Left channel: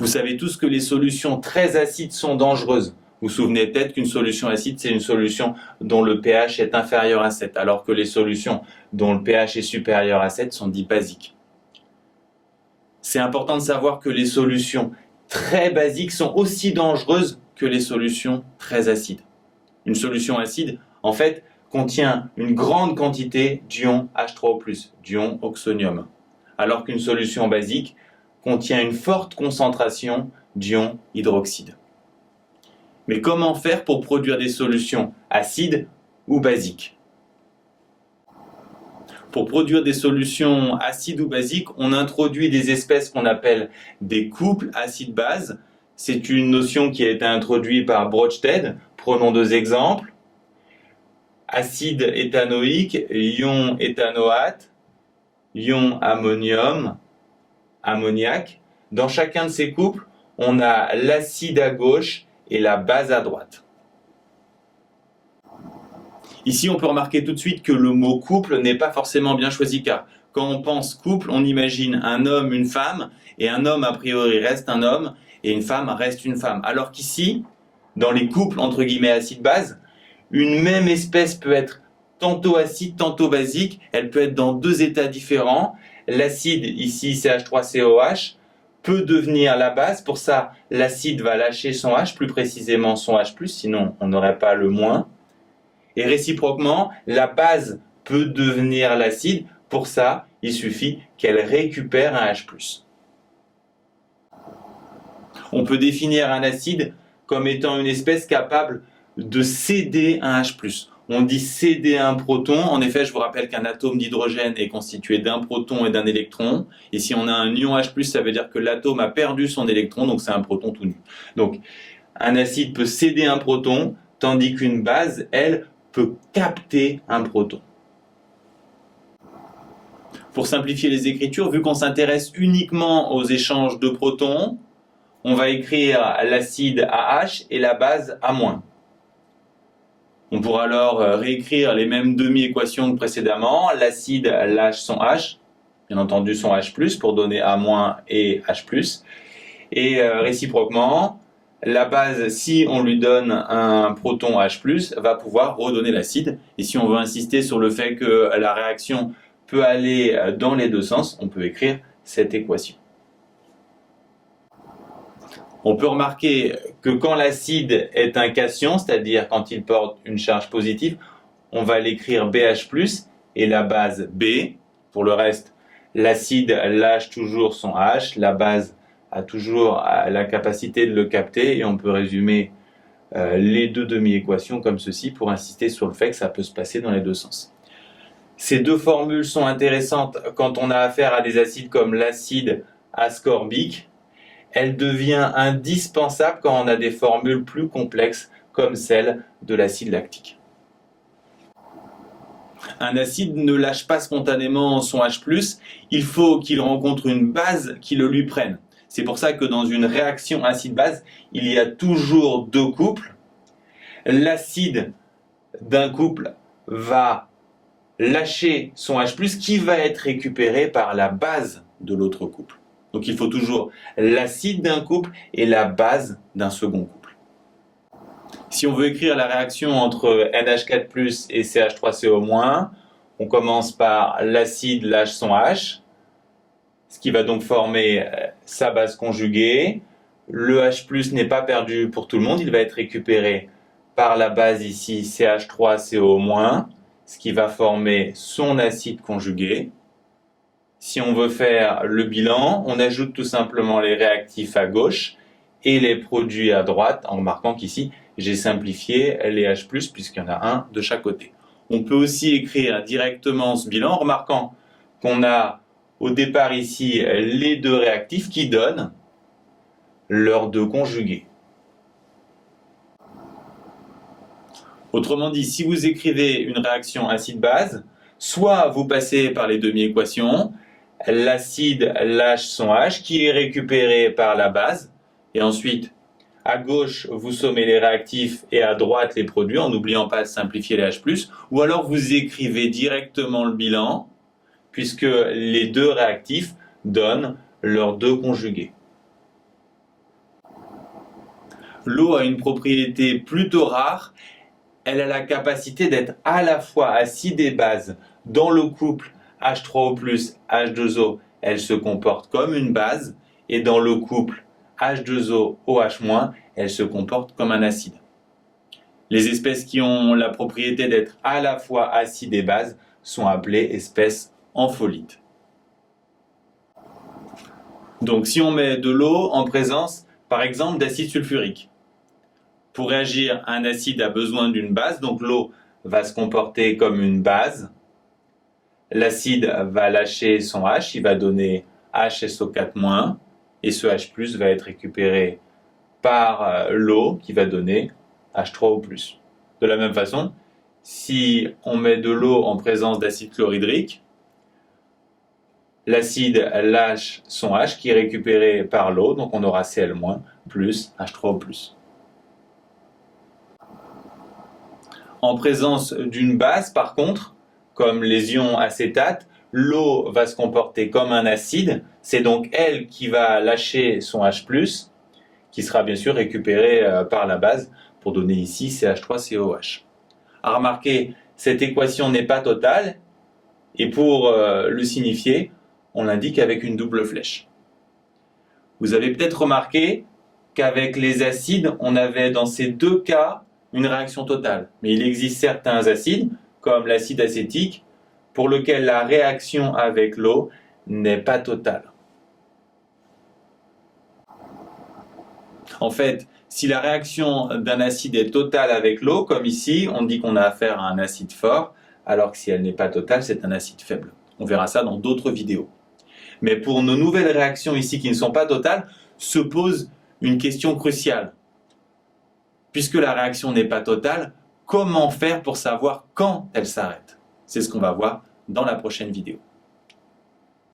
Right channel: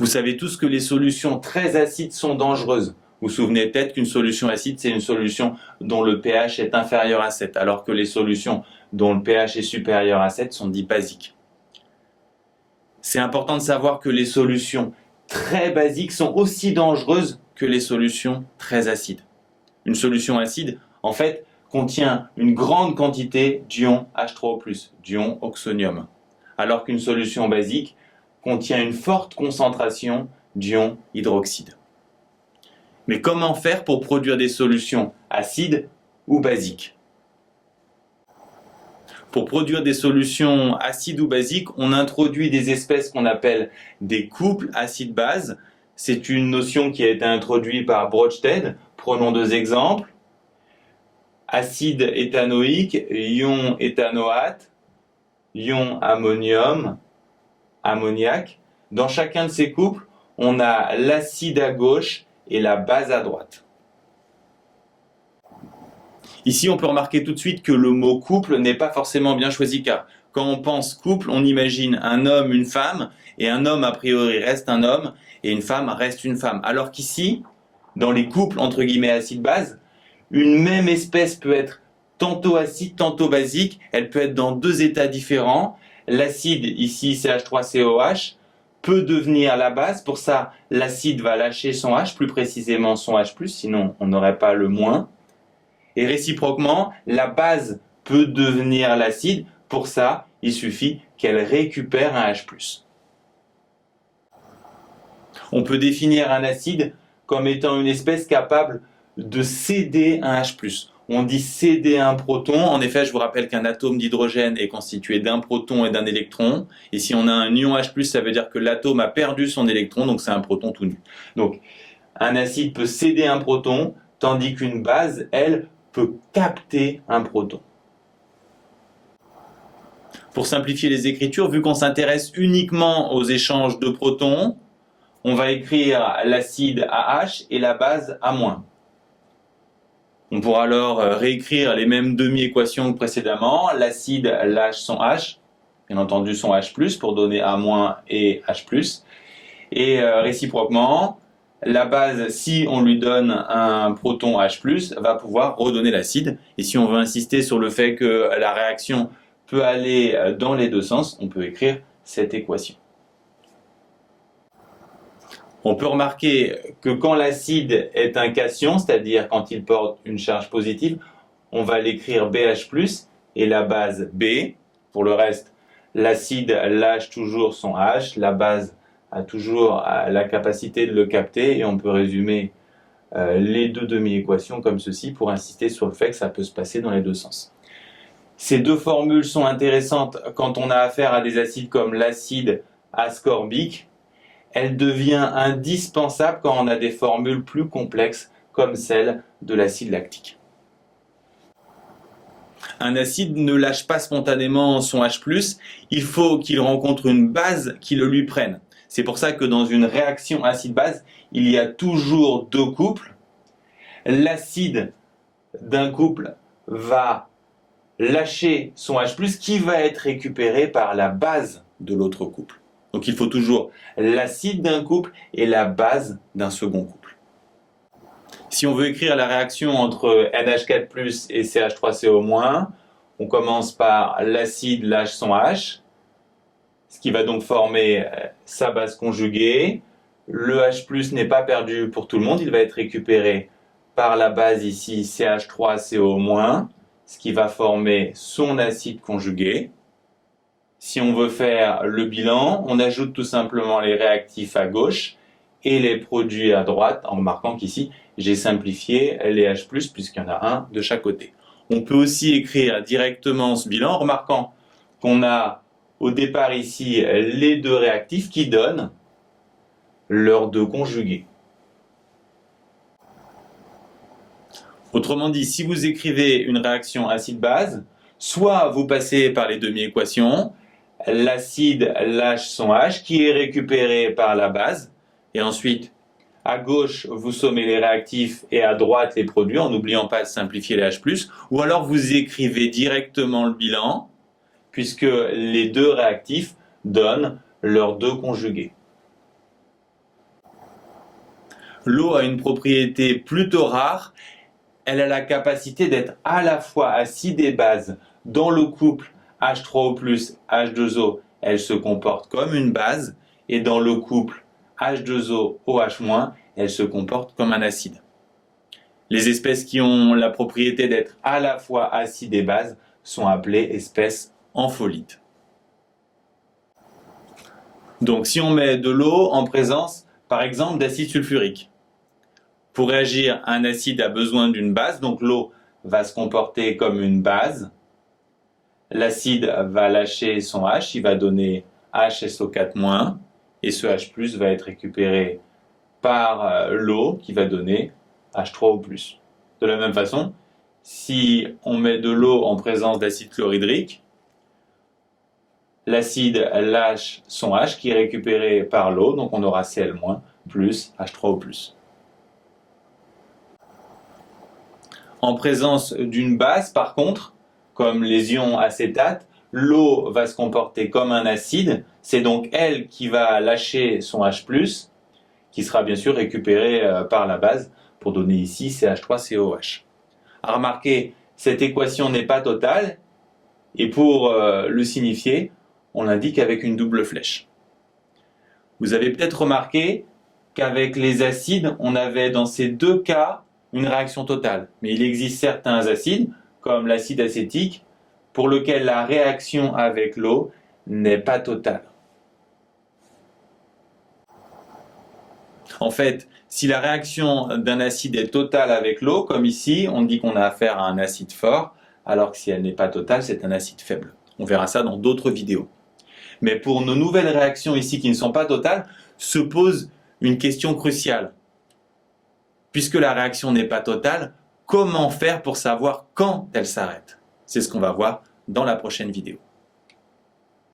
Vous savez tous que les solutions très acides sont dangereuses. Vous vous souvenez peut-être qu'une solution acide, c'est une solution dont le pH est inférieur à 7, alors que les solutions dont le pH est supérieur à 7 sont dites basiques. C'est important de savoir que les solutions très basiques sont aussi dangereuses que les solutions très acides. Une solution acide, en fait, contient une grande quantité d'ion H3O+, d'ion oxonium, alors qu'une solution basique contient une forte concentration d'ion hydroxyde. Mais comment faire pour produire des solutions acides ou basiques? Pour produire des solutions acides ou basiques, on introduit des espèces qu'on appelle des couples acide-base. C'est une notion qui a été introduite par Brødsted. Prenons deux exemples. Acide éthanoïque, ion éthanoate, ion ammonium, ammoniac. Dans chacun de ces couples, on a l'acide à gauche et la base à droite. Ici, on peut remarquer tout de suite que le mot couple n'est pas forcément bien choisi, car quand on pense couple, on imagine un homme, une femme, et un homme a priori reste un homme, et une femme reste une femme. Alors qu'ici, dans les couples entre guillemets acide-base, une même espèce peut être tantôt acide, tantôt basique, elle peut être dans deux états différents. L'acide, ici CH3COH, peut devenir la base. Pour ça, l'acide va lâcher son H, plus précisément son H+, sinon on n'aurait pas le moins. Et réciproquement, la base peut devenir l'acide. Pour ça, il suffit qu'elle récupère un H+. On peut définir un acide comme étant une espèce capable de céder un H+. On dit céder un proton. En effet, je vous rappelle qu'un atome d'hydrogène est constitué d'un proton et d'un électron. Et si on a un ion H+, ça veut dire que l'atome a perdu son électron, donc c'est un proton tout nu. Donc, un acide peut céder un proton, tandis qu'une base, elle, peut capter un proton. Pour simplifier les écritures, vu qu'on s'intéresse uniquement aux échanges de protons, on va écrire l'acide AH et la base A-. On pourra alors réécrire les mêmes demi-équations que précédemment. L'acide lâche son H, bien entendu son H+, pour donner A- et H+. Et réciproquement, la base, si on lui donne un proton H+, va pouvoir redonner l'acide. Et si on veut insister sur le fait que la réaction peut aller dans les deux sens, on peut écrire cette équation. On peut remarquer que quand l'acide est un cation, c'est-à-dire quand il porte une charge positive, on va l'écrire BH+, et la base B. Pour le reste, l'acide lâche toujours son H, la base a toujours la capacité de le capter, et on peut résumer les deux demi-équations comme ceci pour insister sur le fait que ça peut se passer dans les deux sens. Ces deux formules sont intéressantes quand on a affaire à des acides comme l'acide ascorbique. Elle devient indispensable quand on a des formules plus complexes comme celle de l'acide lactique. Un acide ne lâche pas spontanément son H+, il faut qu'il rencontre une base qui le lui prenne. C'est pour ça que dans une réaction acide-base, il y a toujours deux couples. L'acide d'un couple va lâcher son H+, qui va être récupéré par la base de l'autre couple. Donc il faut toujours l'acide d'un couple et la base d'un second couple. Si on veut écrire la réaction entre NH4+ et CH3CO-, on commence par l'acide lâche son H, ce qui va donc former sa base conjuguée. Le H+ n'est pas perdu pour tout le monde, il va être récupéré par la base ici CH3CO-, ce qui va former son acide conjugué. Si on veut faire le bilan, on ajoute tout simplement les réactifs à gauche et les produits à droite, en remarquant qu'ici, j'ai simplifié les H+, puisqu'il y en a un de chaque côté. On peut aussi écrire directement ce bilan, en remarquant qu'on a au départ ici les deux réactifs qui donnent leurs deux conjugués. Autrement dit, si vous écrivez une réaction acide-base, soit vous passez par les demi-équations, l'acide lâche son H qui est récupéré par la base, et ensuite à gauche vous sommez les réactifs et à droite les produits en n'oubliant pas de simplifier les H+, ou alors vous écrivez directement le bilan puisque les deux réactifs donnent leurs deux conjugués. L'eau a une propriété plutôt rare. Elle a la capacité d'être à la fois acide et base. Dans le couple H3O+, H2O, elle se comporte comme une base. Et dans le couple H2O, OH-, elle se comporte comme un acide. Les espèces qui ont la propriété d'être à la fois acide et base sont appelées espèces ampholites. Donc si on met de l'eau en présence, par exemple, d'acide sulfurique, pour réagir, un acide a besoin d'une base, donc l'eau va se comporter comme une base. L'acide va lâcher son H, il va donner HSO4-, et ce H+, va être récupéré par l'eau qui va donner H3O+. De la même façon, si on met de l'eau en présence d'acide chlorhydrique, l'acide lâche son H qui est récupéré par l'eau, donc on aura Cl- plus H3O+. En présence d'une base, par contre, comme les ions acétate, l'eau va se comporter comme un acide. C'est donc elle qui va lâcher son H+, qui sera bien sûr récupéré par la base pour donner ici CH3COH. À remarquer, cette équation n'est pas totale, et pour le signifier, on l'indique avec une double flèche. Vous avez peut-être remarqué qu'avec les acides, on avait dans ces deux cas une réaction totale. Mais il existe certains acides, comme l'acide acétique, pour lequel la réaction avec l'eau n'est pas totale. En fait, si la réaction d'un acide est totale avec l'eau, comme ici, on dit qu'on a affaire à un acide fort, alors que si elle n'est pas totale, c'est un acide faible. On verra ça dans d'autres vidéos. Mais pour nos nouvelles réactions ici qui ne sont pas totales, se pose une question cruciale. Puisque la réaction n'est pas totale, comment faire pour savoir quand elle s'arrête? C'est ce qu'on va voir dans la prochaine vidéo.